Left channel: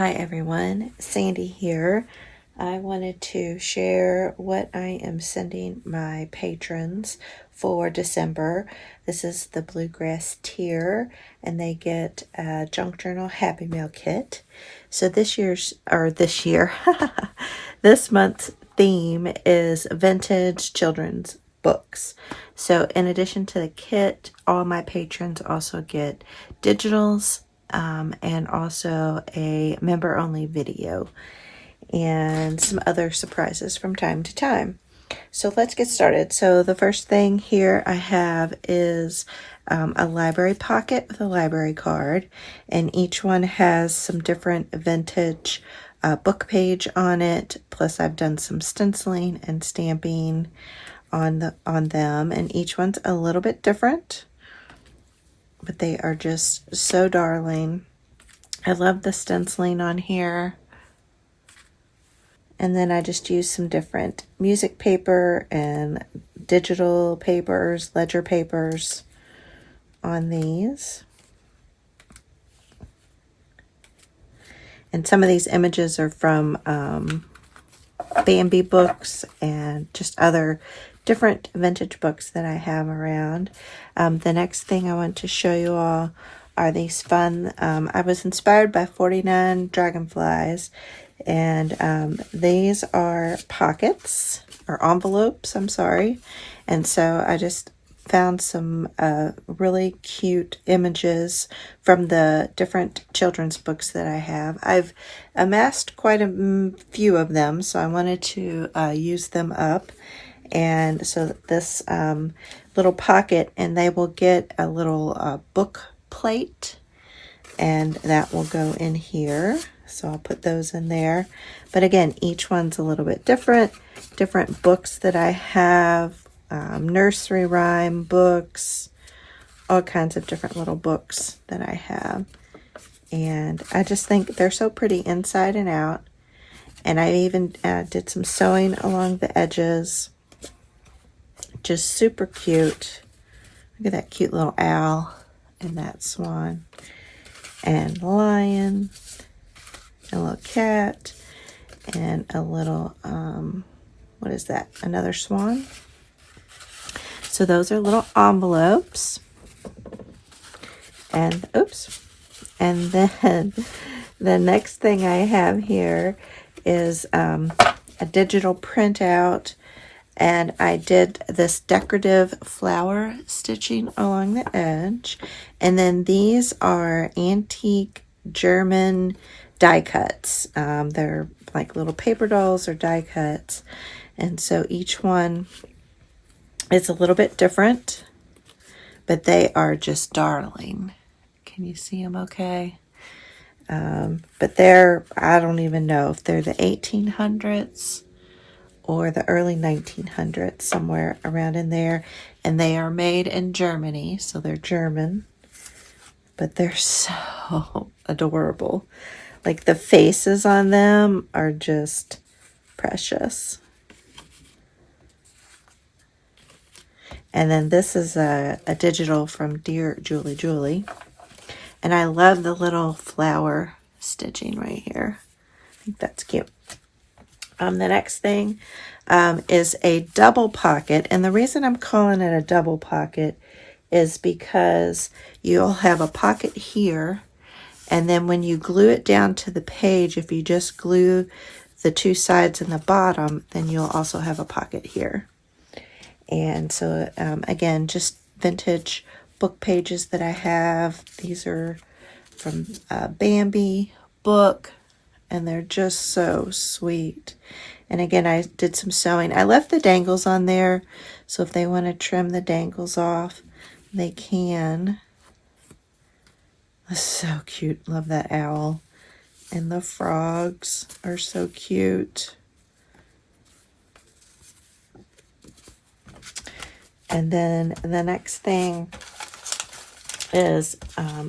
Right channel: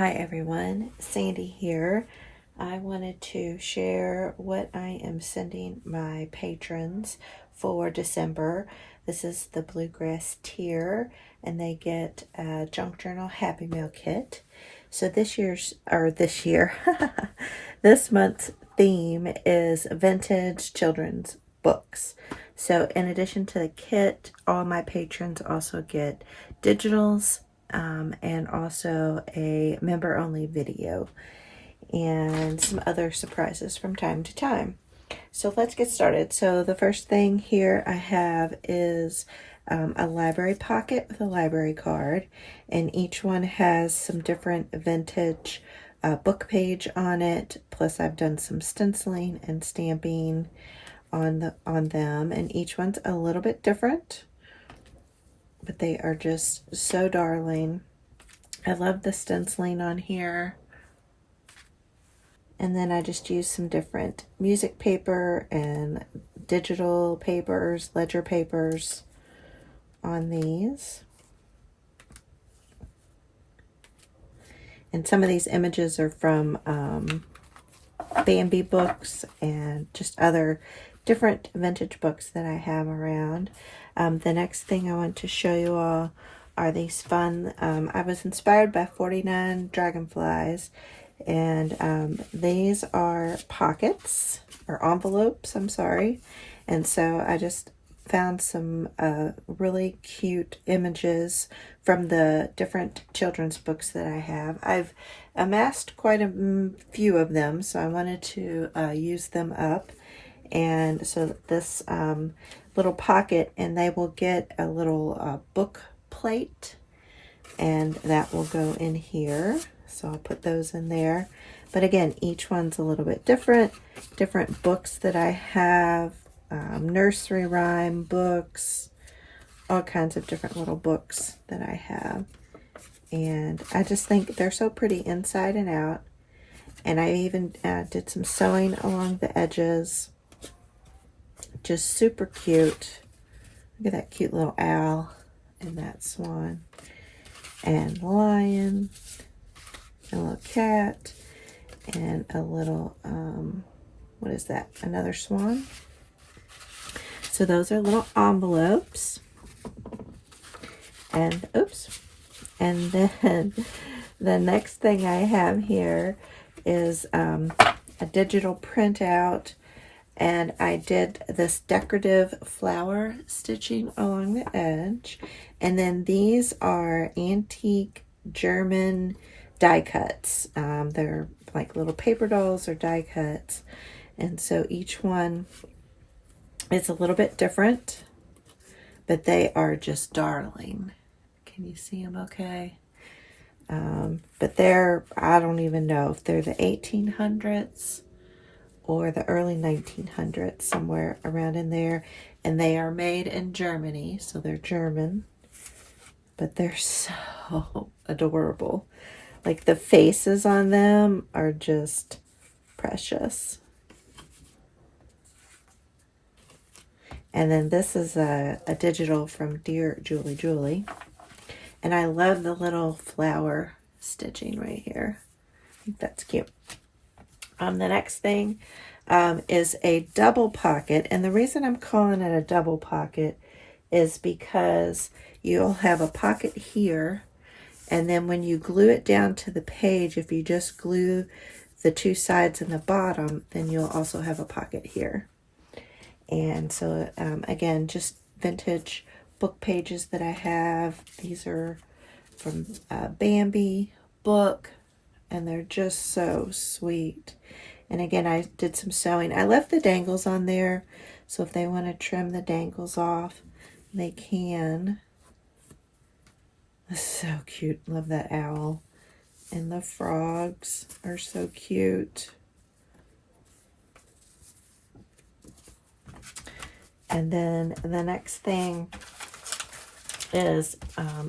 Hi everyone, Sandy here. I wanted to share what I am sending my patrons for December. This is the Bluegrass tier, and they get a Junk Journal Happy Meal kit. So this month's theme is vintage children's books. So in addition to the kit, all my patrons also get digitals, and also a member-only video and some other surprises from time to time. So let's get started. So the first thing here I have is a library pocket with a library card, and each one has some different vintage book page on it. Plus I've done some stenciling and stamping on them, and each one's a little bit different, but they are just so darling. I love the stenciling on here. And then I just used some different music paper and digital papers, ledger papers on these. And some of these images are from Bambi books and just other different vintage books that I have around. The next thing I want to show you all are these fun, I was inspired by 49 Dragonflies, and these are pockets, or envelopes, I'm sorry. And so I just found some really cute images from the different children's books that I have. I've amassed quite a few of them, so I wanted to use them up. And so this little pocket, and they will get a little book plate, and that will go in here. So I'll put those in there. But again, each one's a little bit different. Different books that I have, nursery rhyme books, all kinds of different little books that I have. And I just think they're so pretty inside and out. And I even did some sewing along the edges. Just super cute. Look at that cute little owl and that swan and lion, a little cat, and a little, what is that? Another swan. So those are little envelopes. And, oops. And then the next thing I have here is a digital printout. And I did this decorative flower stitching along the edge. And then these are antique German die cuts. They're like little paper dolls or die cuts. And so each one is a little bit different, but they are just darling. Can you see them okay? But they're, I don't even know if they're the 1800s or the early 1900s, somewhere around in there. And they are made in Germany, so they're German. But they're so adorable. Like the faces on them are just precious. And then this is a digital from Dear Julie Julie. And I love the little flower stitching right here. I think that's cute. The next thing is a double pocket. And the reason I'm calling it a double pocket is because you'll have a pocket here. And then when you glue it down to the page, if you just glue the two sides and the bottom, then you'll also have a pocket here. And so, again, just vintage book pages that I have. These are from Bambi book, and they're just so sweet. And again, I did some sewing. I left the dangles on there, so if they want to trim the dangles off, they can. That's so cute. Love that owl. And the frogs are so cute. And then the next thing is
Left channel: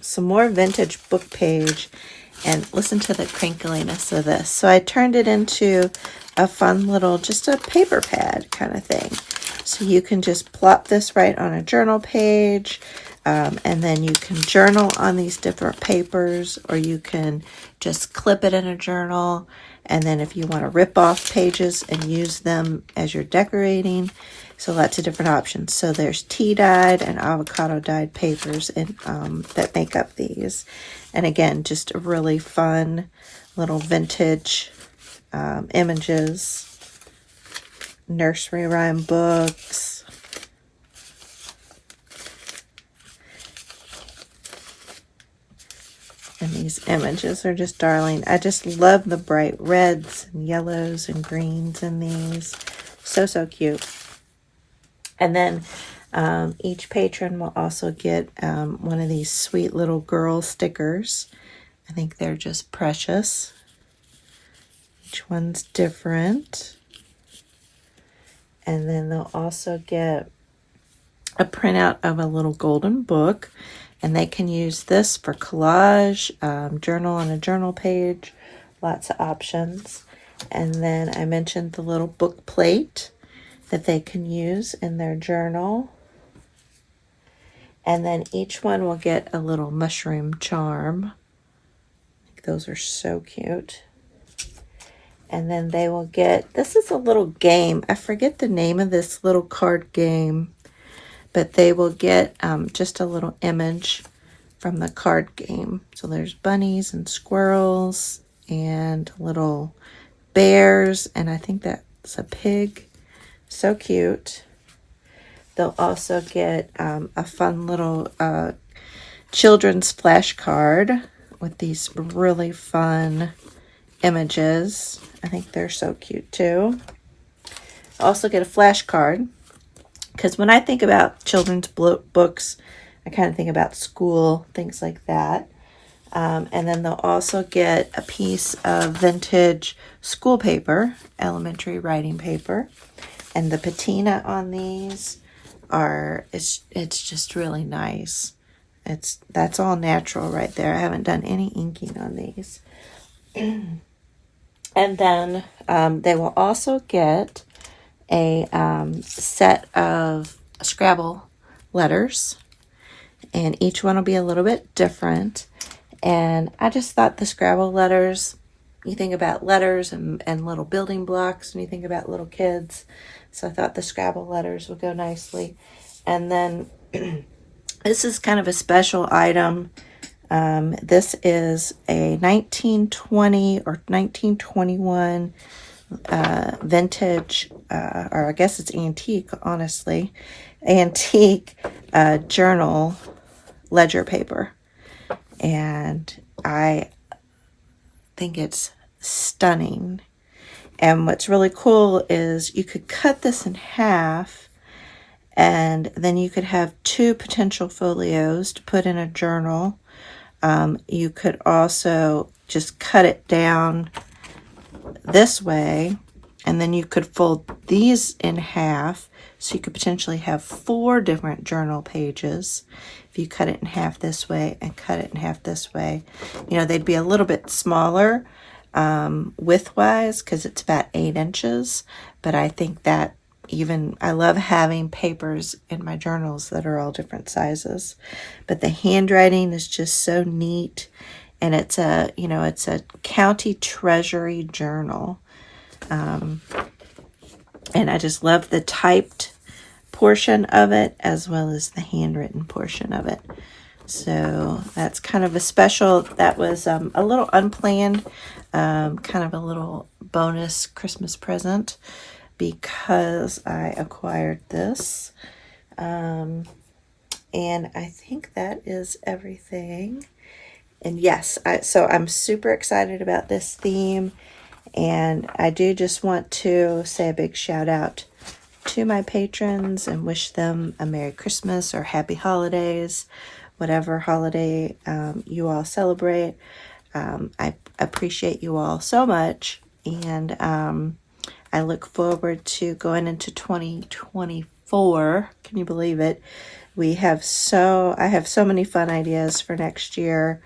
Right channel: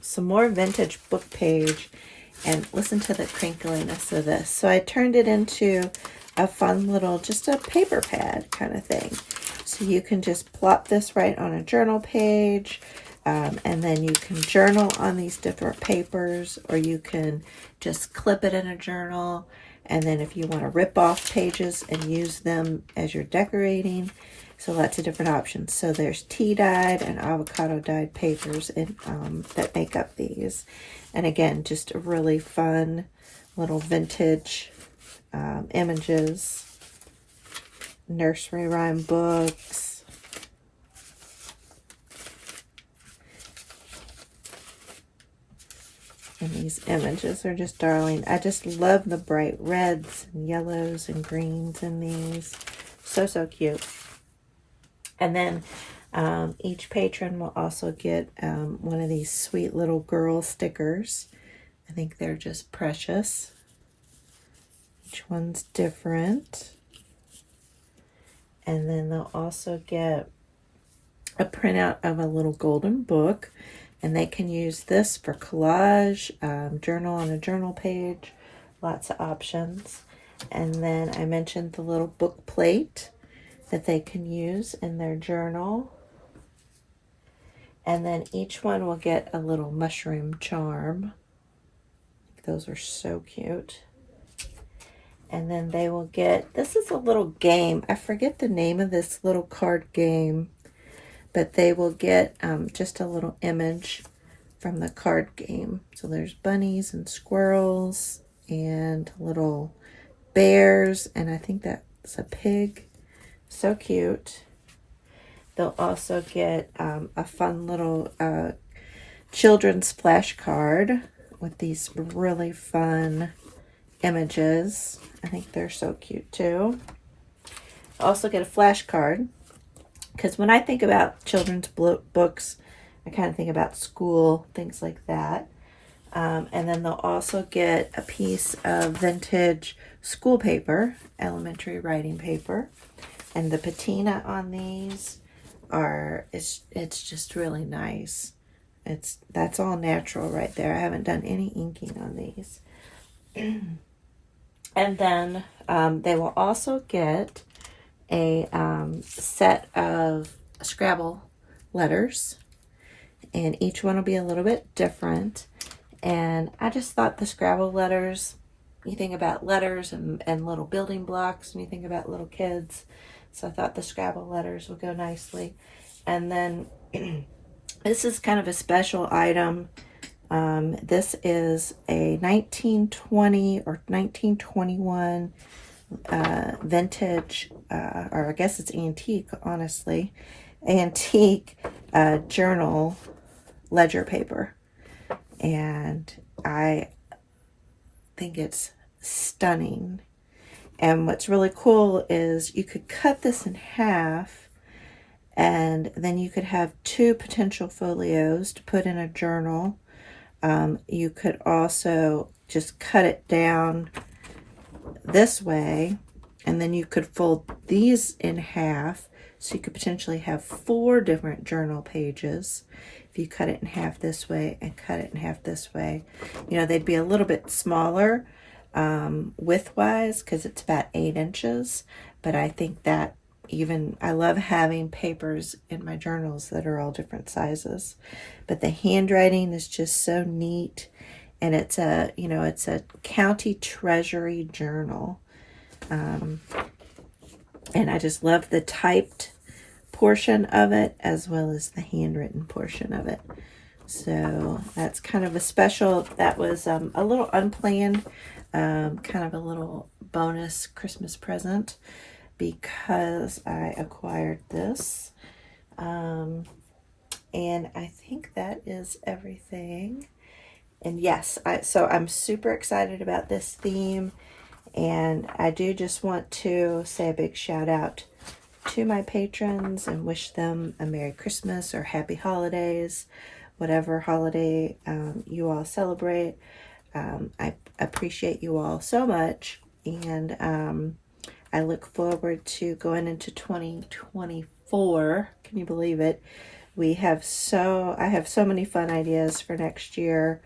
some more vintage book page. And listen to the crinkliness of this. So I turned it into a fun little, just a paper pad kind of thing. So you can just plop this right on a journal page. And then you can journal on these different papers, or you can just clip it in a journal. And then if you want to rip off pages and use them as you're decorating, so lots of different options. So there's tea-dyed and avocado-dyed papers that make up these. And again, just really fun little vintage images, nursery rhyme books. And these images are just darling. I just love the bright reds and yellows and greens in these. So, so cute. And then each patron will also get one of these sweet little girl stickers. I think they're just precious. Each one's different. And then they'll also get a printout of a little golden book. And they can use this for collage, journal on a journal page, lots of options. And then I mentioned the little book plate that they can use in their journal. And then each one will get a little mushroom charm. Those are so cute. And then they will get, this is a little game. I forget the name of this little card game, but they will get just a little image from the card game. So there's bunnies and squirrels and little bears, and I think that's a pig. So cute. They'll also get a fun little children's flashcard with these really fun images. I think they're so cute too. Also get a flashcard, because when I think about children's books, I kind of think about school, things like that. And then they'll also get a piece of vintage school paper, elementary writing paper. And the patina on these it's just really nice. That's all natural right there. I haven't done any inking on these. And then they will also get a set of Scrabble letters, and each one will be a little bit different. And I just thought the Scrabble letters, you think about letters and little building blocks when you think about little kids, so I thought the Scrabble letters would go nicely. And then this is kind of a special item. This is a 1920 or 1921 vintage, or I guess it's antique, honestly, antique journal ledger paper. And I think it's stunning. And what's really cool is you could cut this in half, and then you could have two potential folios to put in a journal. You could also just cut it down this way, and then you could fold these in half, so you could potentially have 4 different journal pages if you cut it in half this way and cut it in half this way. You know, they'd be a little bit smaller width-wise, because it's about 8 inches, but I think that I love having papers in my journals that are all different sizes. But the handwriting is just so neat, and it's a county treasury journal. And I just love the typed portion of it as well as the handwritten portion of it. So that's kind of a special, that was a little unplanned, kind of a little bonus Christmas present, because I acquired this. And I think that is everything. And yes, so I'm super excited about this theme. And I do just want to say a big shout out to my patrons and wish them a Merry Christmas or Happy Holidays, whatever holiday you all celebrate. I appreciate you all so much. And I look forward to going into 2024. Can you believe it? I have so many fun ideas for next year,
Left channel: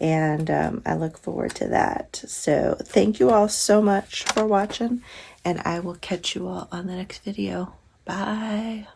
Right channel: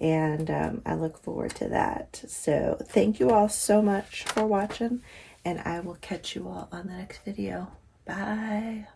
and I look forward to that. So thank you all so much for watching, and I will catch you all on the next video. Bye.